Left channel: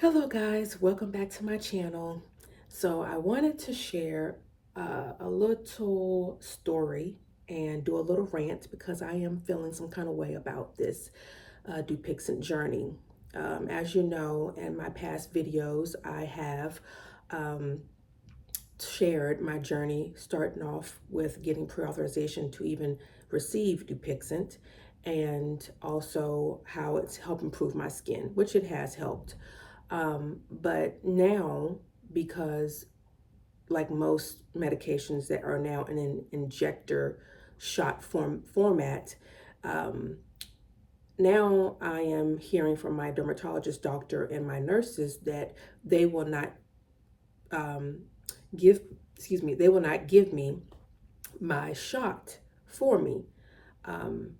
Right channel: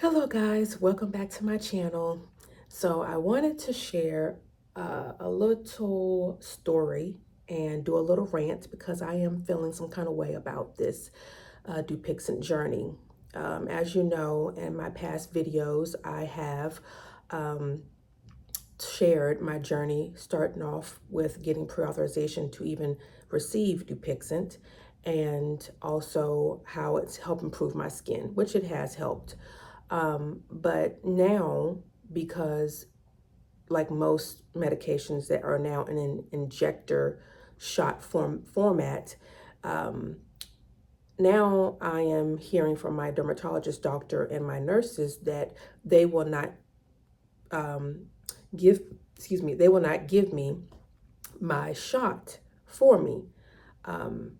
Hello guys, welcome back to my channel. So I wanted to share a little story and do a little rant because I am feeling some kind of way about this Dupixent journey. As you know, in my past videos, I have um, shared my journey starting off with getting pre-authorization to even receive Dupixent and also how it's helped improve my skin, which it has helped. But now, because like most medications that are now in an injector shot format, um, now I am hearing from my dermatologist doctor and my nurses that they will not um, give, they will not give me my shot for me. Um,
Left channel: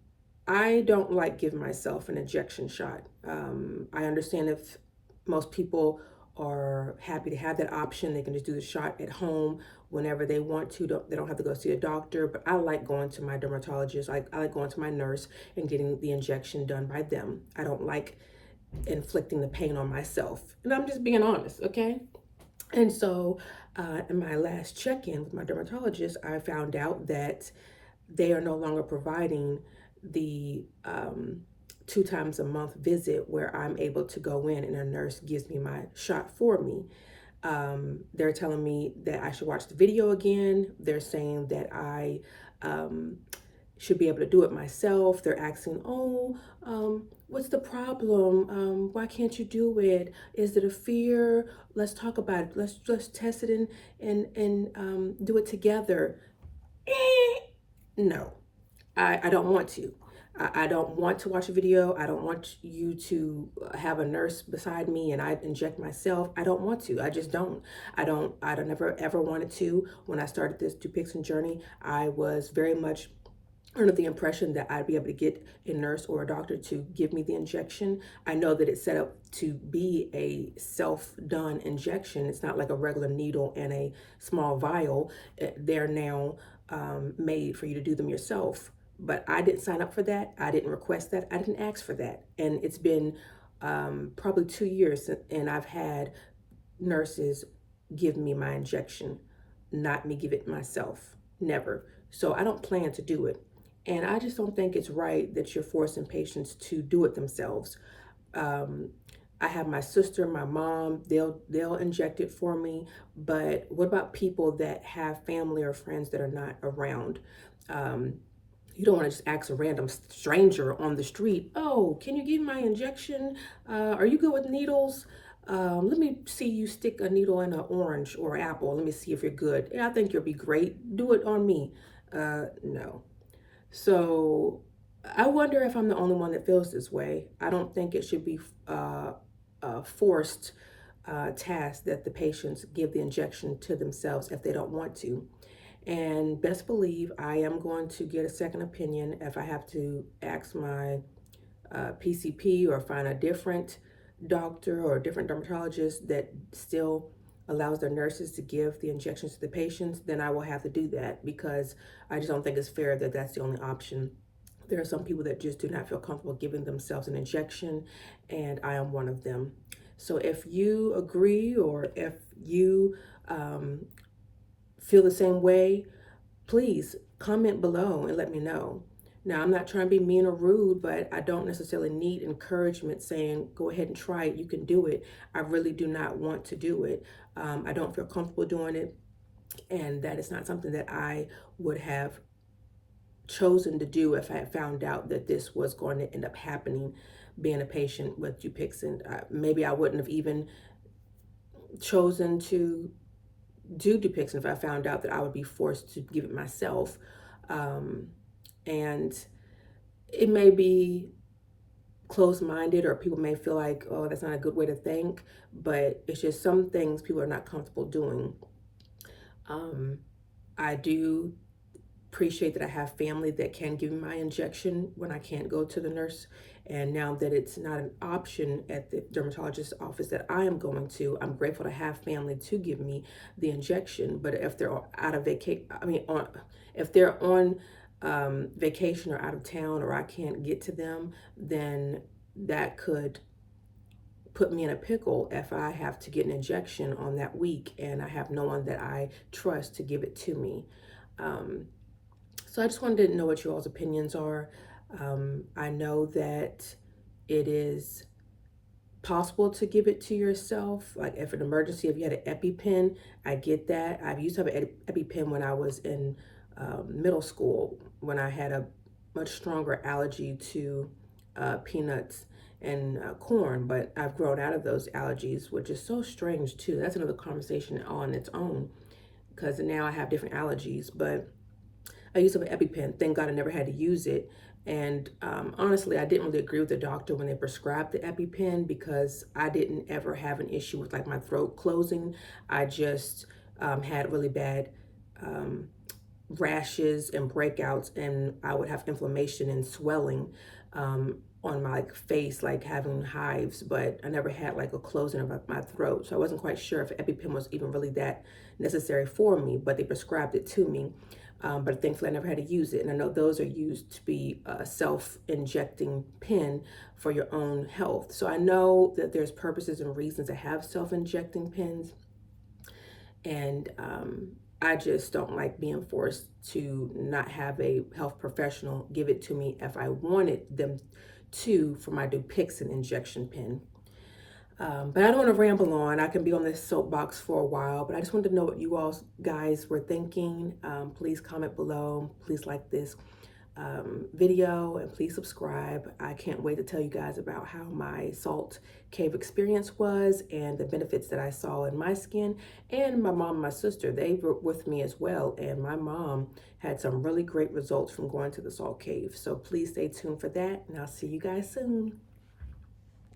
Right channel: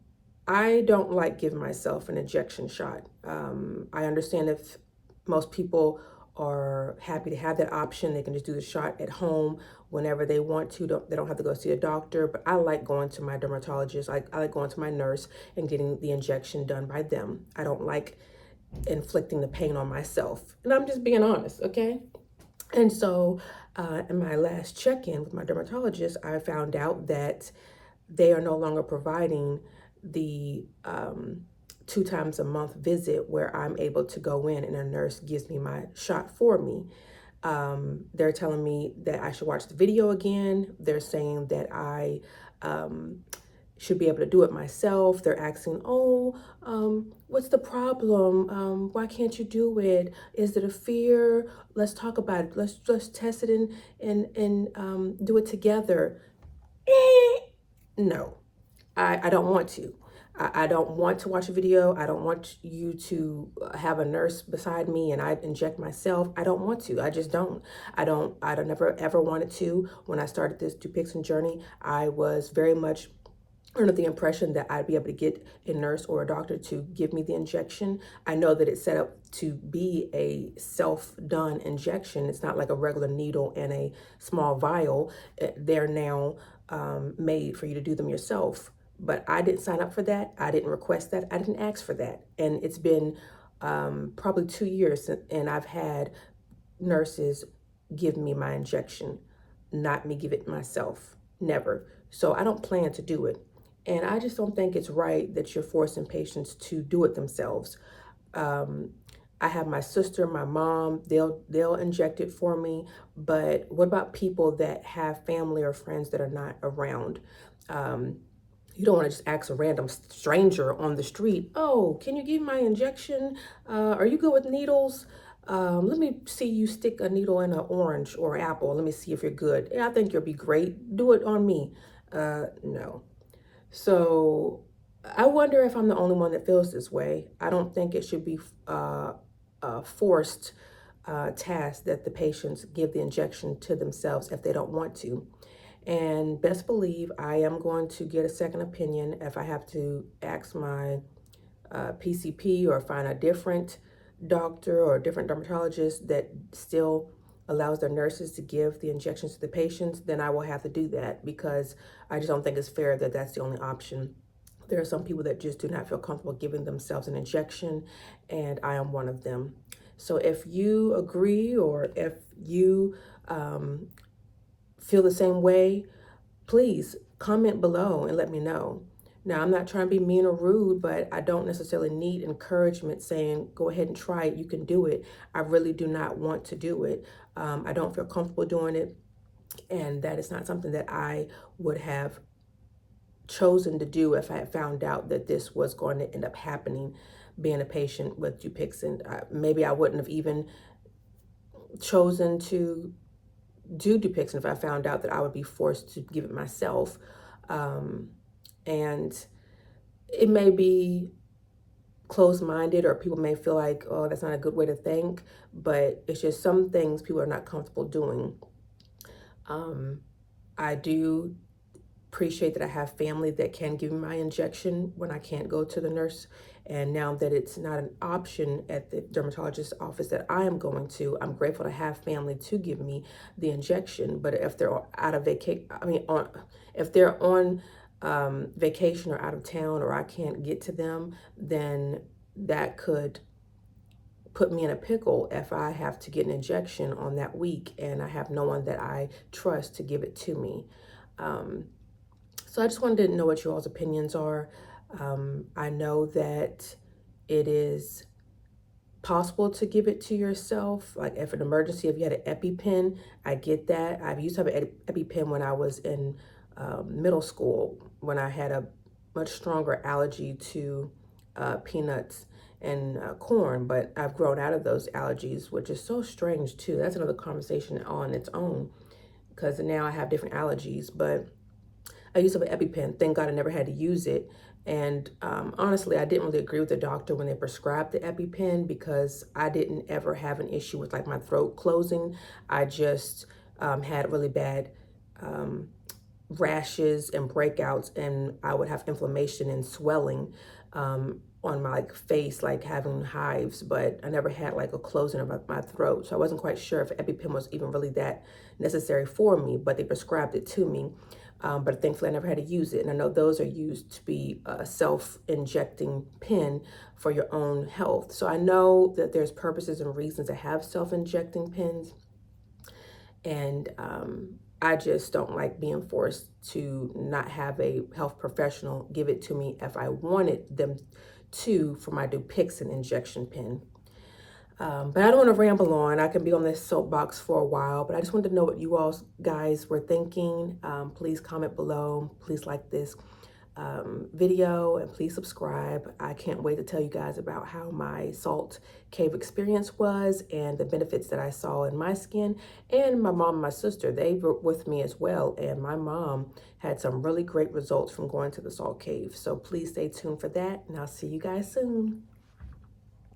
I don't like giving myself an injection shot. I understand if most people are happy to have that option, they can just do the shot at home whenever they want to. They don't have to go see a doctor. But I like going to my dermatologist. I like going to my nurse and getting the injection done by them. I don't like inflicting the pain on myself. And I'm just being honest, okay? And so in my last check-in with my dermatologist, I found out that they are no longer providing the 2 times a month visit where I'm able to go in and a nurse gives me my shot for me. They're telling me that I should watch the video again. They're saying that I um, should be able to do it myself. They're asking, oh, what's the problem? Why can't you do it? Is it a fear? Let's talk about it. Let's test it and do it together. No, I don't want to. I don't want to watch a video. I don't want you to have a nurse beside me and I inject myself. I don't want to. I just don't. I don't never ever wanted to. When I started this Dupixent journey, I was very much under the impression that I'd be able to get a nurse or a doctor to give me the injection. I know that it's set up to be a self-done injection. It's not like a regular needle and a small vial. They're now made for you to do them yourself. But I didn't sign up for that. I didn't request that. I didn't ask for that. And it's been probably 2 years and I've had nurses give me my injection, not me give it myself. Never. So I don't plan to do it. And I just don't think it's right that you're forcing patients to do it themselves. Um, I have my sister, my mom, they'll inject it for me. But what about people that have family or friends that are not around? Um, you don't want to just ask a random stranger on the street, oh, can you give my injection? Are you good with needles? Let me see you stick a needle in an orange or apple. Let me see if you're good. Yeah, I think you'll be great. Do it on me. No. So I wonder if I'm the only one that feels this way. I don't think it should be a forced task that the patients give the injection to themselves if they don't want to. And best believe I am going to get a second opinion if I have to ask my PCP or find a different doctor or a different dermatologist that still allows their nurses to give the injections to the patients, then I will have to do that because I just don't think it's fair that that's the only option. There are some people that just do not feel comfortable giving themselves an injection, and I am one of them. So if you agree or if you feel the same way, please comment below and let me know. Now, I'm not trying to be mean or rude, but I don't necessarily need encouragement saying, go ahead and try it, you can do it. I really do not want to do it. I don't feel comfortable doing it, and that is not something that I would have chosen to do if I had found out that this was going to end up happening, being a patient with Dupixent. Maybe I wouldn't have even chosen to do Dupixent if I found out that I would be forced to give it myself. And it may be closed-minded or people may feel like, oh, that's not a good way to think, but it's just some things people are not comfortable doing. I do appreciate that I have family that can give me my injection when I can't go to the nurse. And now that it's not an option at the dermatologist's office that I am going to, I'm grateful to have family to give me the injection. But if they're out of vacation, if they're on vacation or out of town or I can't get to them, then that could put me in a pickle if I have to get an injection on that week and I have no one that I trust to give it to me. So I just wanted to know what you all's opinions are. I know that it is possible to give it to yourself, like if an emergency, if you had an EpiPen, I get that. I've used to have an EpiPen when I was in middle school, when I had a much stronger allergy to peanuts and corn, but I've grown out of those allergies, which is so strange too. That's another conversation on its own, because now I have different allergies. But I used to have an EpiPen. Thank God I never had to use it. And honestly, I didn't really agree with the doctor when they prescribed the EpiPen, because I didn't ever have an issue with like my throat closing. I just had really bad rashes and breakouts, and I would have inflammation and swelling on my like face, like having hives, but I never had like a closing of my throat. So I wasn't quite sure if EpiPen was even really that necessary for me, but they prescribed it to me. But thankfully I never had to use it. And I know those are used to be a self-injecting pen for your own health. So I know that there's purposes and reasons to have self-injecting pens. And I just don't like being forced to not have a health professional give it to me if I wanted them to for my Dupixent injection pen. But I don't want to ramble on. I can be on this soapbox for a while, but I just wanted to know what you all guys were thinking. Please comment below. Please like this video, and please subscribe. I can't wait to tell you guys about how my salt cave experience was and the benefits that I saw in my skin. And my mom and my sister, they were with me as well, and my mom had some really great results from going to the salt cave. So please stay tuned for that, and I'll see you guys soon.